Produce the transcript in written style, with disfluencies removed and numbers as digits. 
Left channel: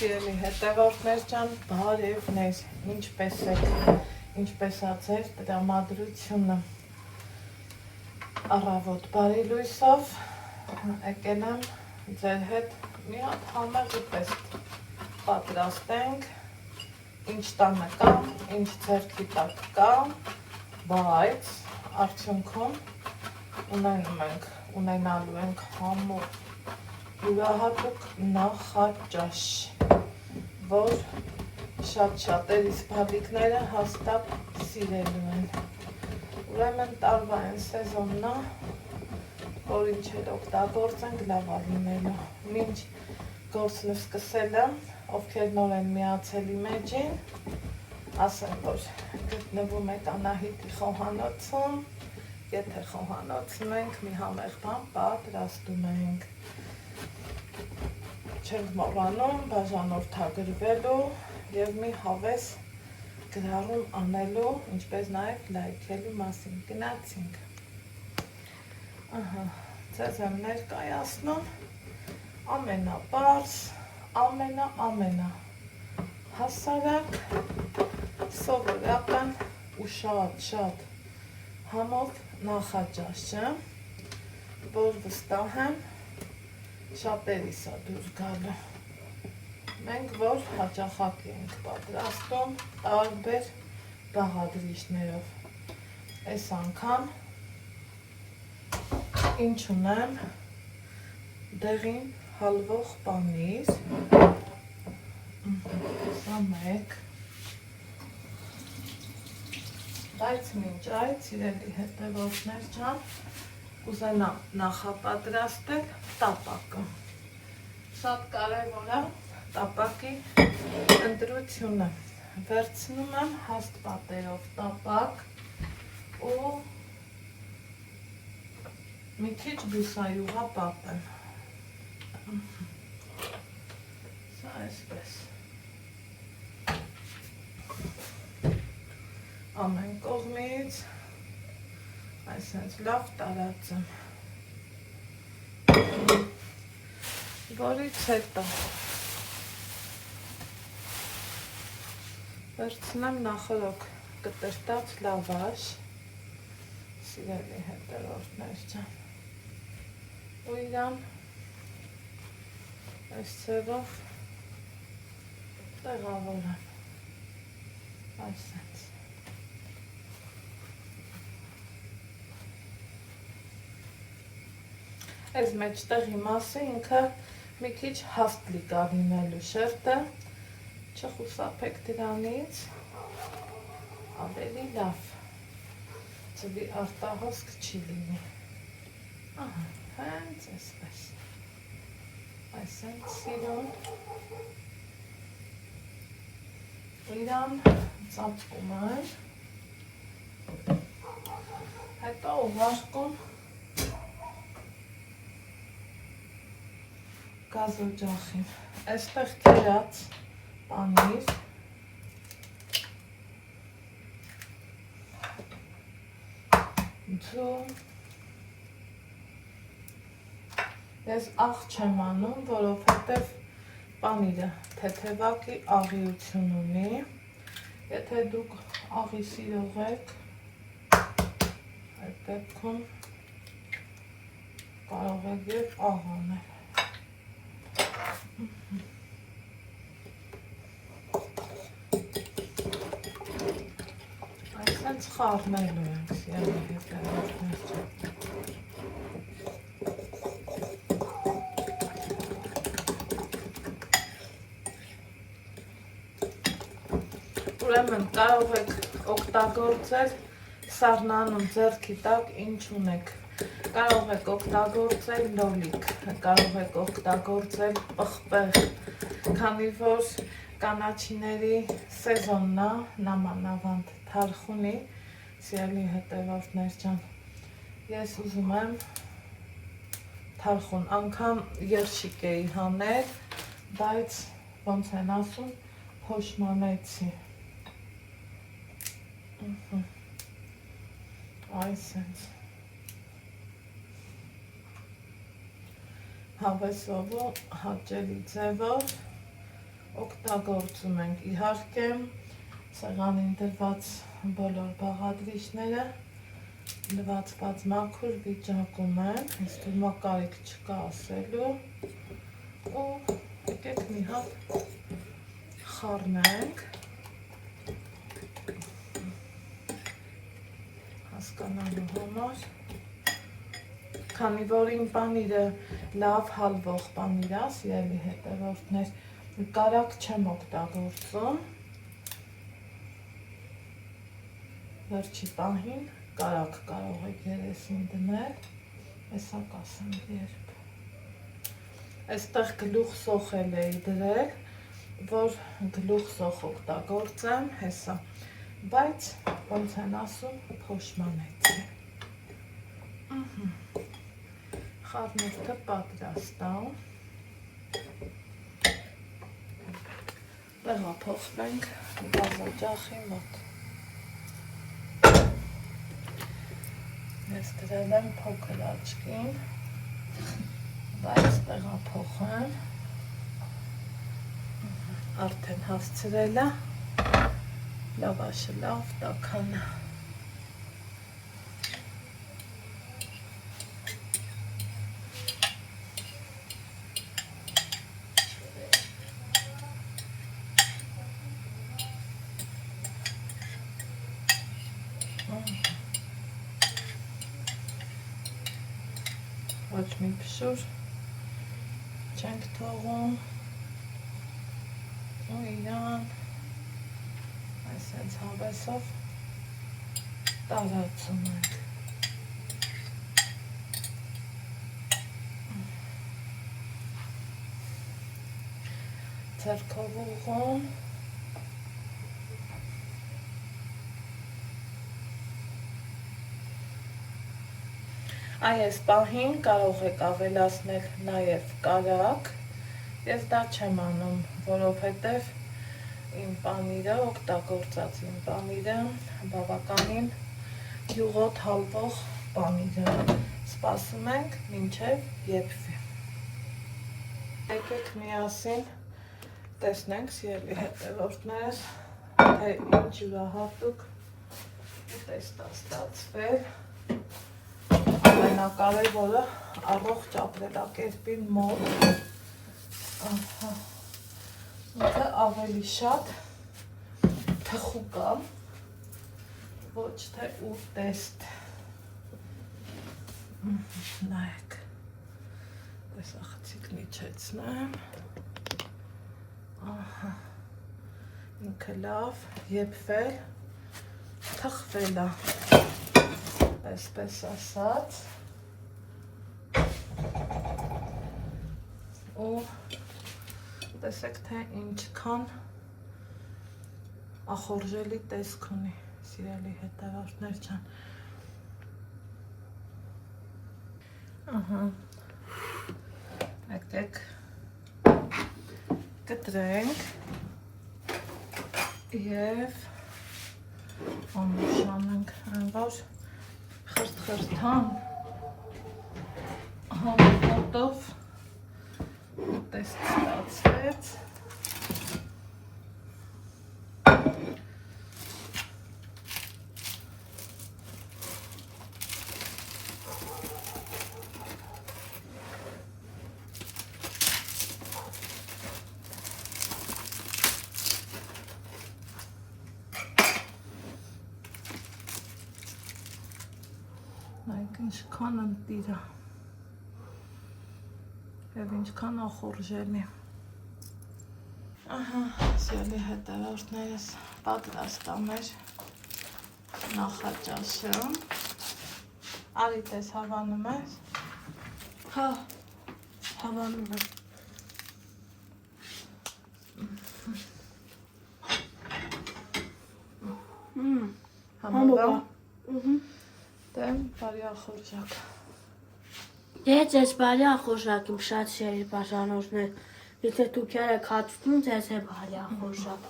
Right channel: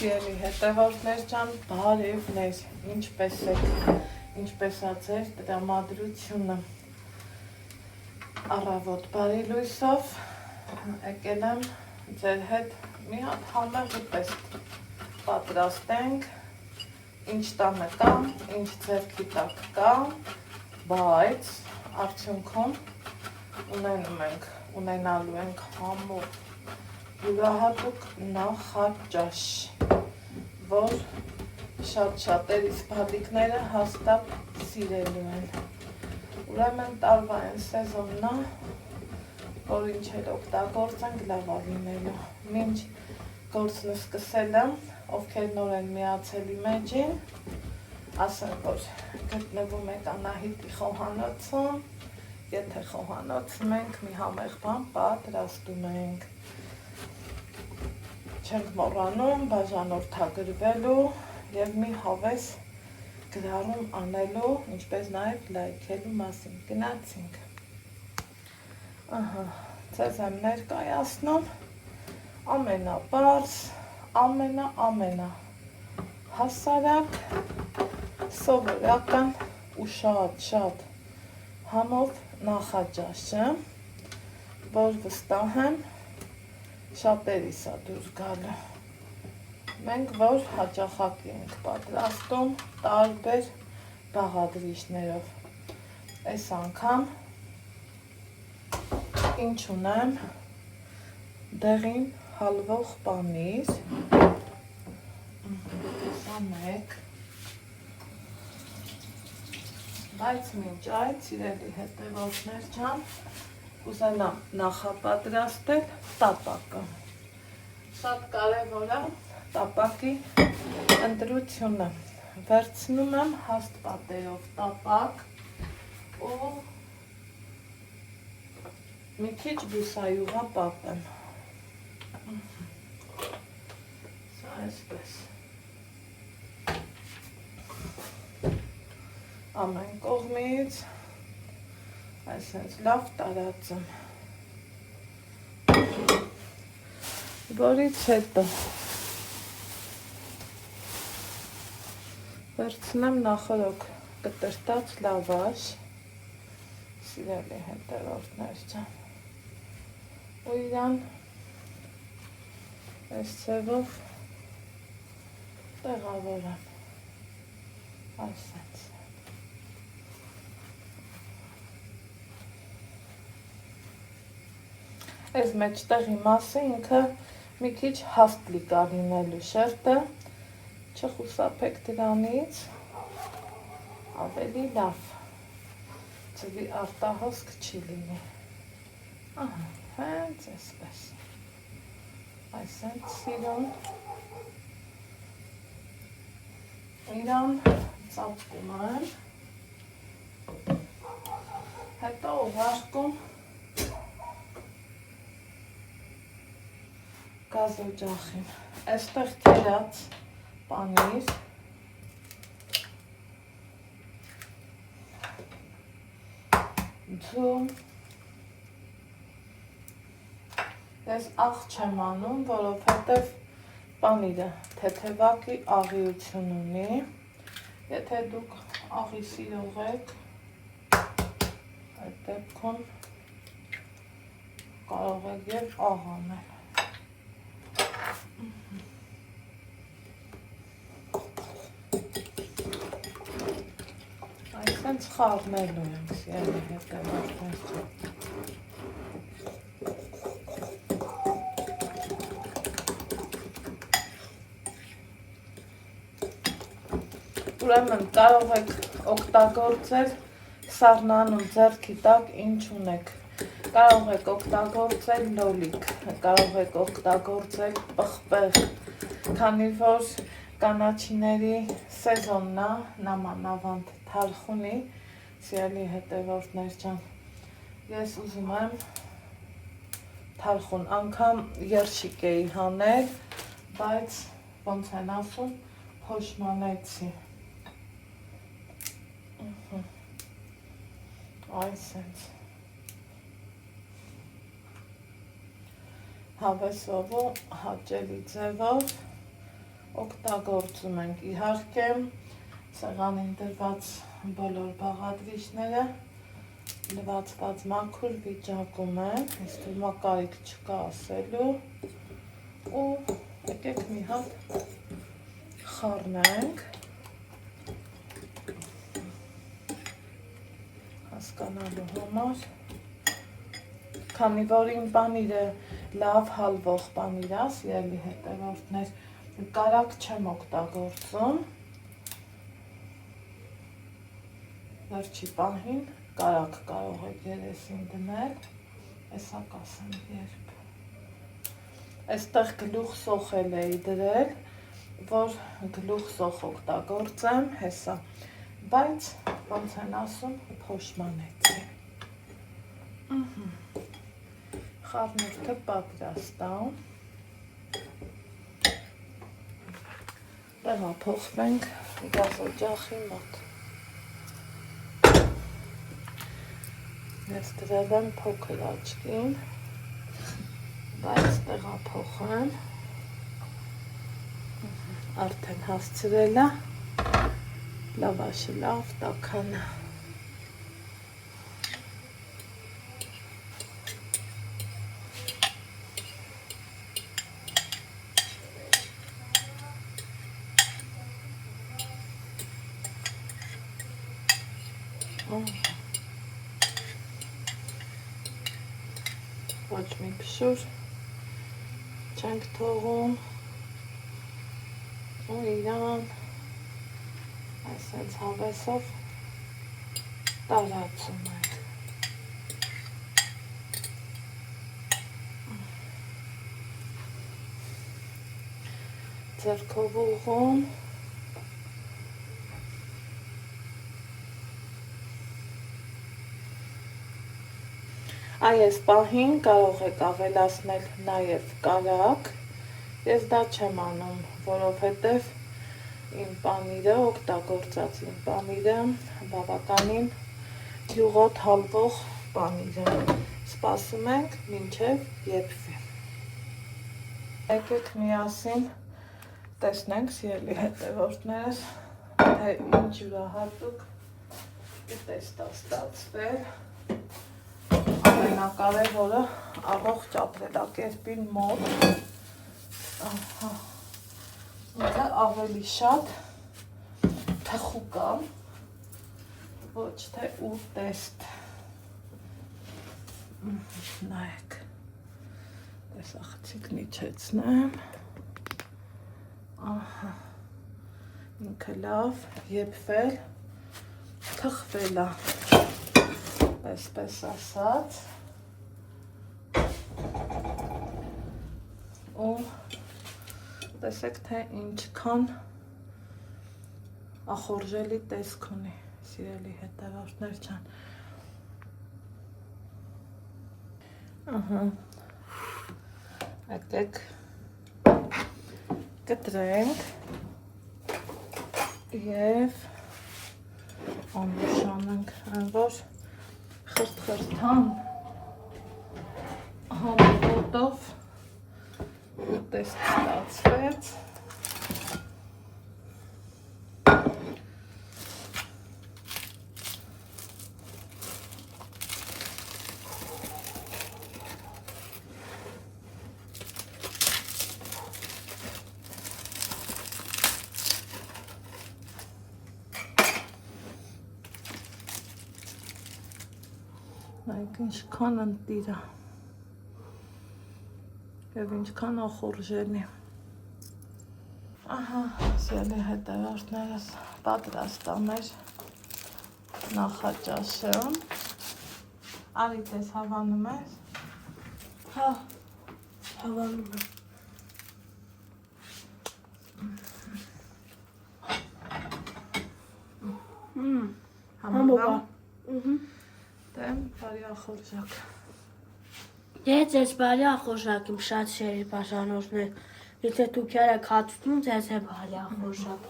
Սիրելի հետևորդներ ջան, բարևներ, ինչպես եք, ինչպես ա ձեր տրամադրությունը առավոտ բարի լույսով եկել եմ ձեր հետ մի հատ համեղ ուտեստ պատրաստենք, ինչ տանը կա, ինչ ձեռքի տակ կա, բայց արդյունքում ունենալու ենք համով յուրահատուկ նախաճաշ, որ շատ-շատերիս բալիկները հաստատ սիրելու են։ Ուրեմն տարվա են սեզոնն է, որ ինչ էլ օգտագործենք լավ լինելու։ Մինչ գործը սկսել եմ, ովքեր նոր են միացել իմ էջին, ասեմ, որ գտնվում եք Անահիտի խոհանոցում, եթե խոհանոցն ենք, մի համեղ բան պատրաստում ենք։ Չենք մոռանում բաժանորդագրվելու և մի հավես գրառում անելու, ինչպես նաև լայքելու մասին։ Գնացինք։ Ձեզ եմ ներկայացնում ամենապարզ, ամենա հասարակ, սովորական ու շատ համով նախաճաշը, որ վստահ եմ շատերիս է դուրս գալու։ Մենք որ հաճախակի ենք պատրաստում տարբեր բաղադրիչներով։ Այս անգամ ինչ ունեմ, դեղին հալվող պանիր, սա մեկ, բայց մինչ այդ, սիրելի հետևորդներ ջան, կուզենամ նախապատրաստել տապակը։ Շատ կարևոր է տապակի ընտրությունը։ Վերցնում եմ հաստ պատերով տապակ ու մի քիչ բուսայուղա պատեմ։ Սա այսպես։ Ամեն կողմից այսպես լավ տարածում, որից հետո վերցնեմ նախորոք կտրտած լավաշ, սիրելի հետևորդներ ջան, ու իրան այս ձևով տեղավորեմ, այսպես։ Այս մեջտեղի մասը ինքը մի քիչ հաստ լիկա լինելու շերտը, չխուսափեք դրանից, ավելի լավ, ձվի արտահոսք չի լինի։ Հենց այսպես, այսպես սիրուն, իրան ծածկում եմ, հետո ուղարկում գազօջախին, այստեղ կերած պանիր, ձու, ես աղ չեմ անում, որովհետև պանիրը թեթևակի աղիություն ունի, եթե դուք աղի սիրող եք, այդ դեպքում կարող եք և աղ անել։ Այսպես խառնելու ենք, սիրելի հետևորդներ ջան։ Ուրեմն կարող եք օգտագործել սառնանում ձեռքի տակ ինչ ունեք։ Կարող եք օգտագործել լոլիկ, կարող եք օգտագործել պղպեղ, քանի որ կանաչիների սեզոնն է, նամանավանդ թարխունի, սիրելի հետևորդներ ջան, ես ուզում եմ թարխուն, անգամ երշիկ էի հանել, բայց ոնց են ասում, փոշմանեցի։ Այսպես հավեսով ու հաճելի ձևով օգտագործում ենք իհարկե սեղանին դրված բոլոր բաղադրիչները լվացված մաքուր վիճակում են, իսկ հիմա կարիք չկա ասելու ու եկեք մի հատ խառնենք հասկանալու համար, քանի որ իմ պանիրը լավ հալվող պանիր է, սիրելի հետևորդներ, կարակ չեմ օգտագործում, վերջի պահին կարակ կարող եք երեսին դնել, հեսա կասեմ երբ։ Այստեղ գլուխ սոխել էի դրել, որ գլուխ սոխ օգտագործեմ, հեսա, բայց ոնց են ասում, փոշմանեցի։ Խառնուրդը պատրաստ է։ Տեղափոխվենք գազօջախի մոտ։ Ես դրել եմ փոքր աչքին, բայց տեղափոխեմ, արդեն հասցրել է, լավաշի լավ տաքանը։ Ոչ մի փշուր չենք թողում ու իրան այսպես հավեսով տարածում ենք։ Ձեռքով ուղղում այս պահին կարող եք ավելացնել նաև կարակ, ես դա չեմ անում, որովհետև իմ պանիրը, օգտագործած իմ պանիրը բավականին յուղոտ հալվող պանիր է, սպասում ենք մինչև եփվի։ Եկեք միասին տեսնենք, սիրելի հետևորդներս, թե ինչ յուրահատուկ ուտեստ է ստացվել։ Ամենակարևորը առողջ ապրելակերպին մոտ ինքը ավելի շատ թխուկան, ոչ թե ուտեստ։ Նայեք, տեսախցիկն իջեցնեմ, ինքը լավ եփվել, թխվել է, այսպես ասած, ու տեսեք, թե ինչքան ախորժելի տեսք ունի, սիրելի հետևորդներ ջան։ Եկեք կտրենք և անուշանենք, որ խրտ-խրտան համոտով ուտեստ ստացվեց։ Ինչքան ընտիր է և ինչքան ախորժելի։ Ահա, սիրելի հետևորդներս, պատրաստ է մեր նախաճաշը։ Արի տես հավանում ես։ Հա, հավանում եմ։ Համոբա։ Դեմ բարի ախորժակ։ Դեզ ես բարի ախորժակ իմ շատ շերի բաժանորդներ։ Եթե դուք եք հատվում, ձեզ է բարի ախորժակ։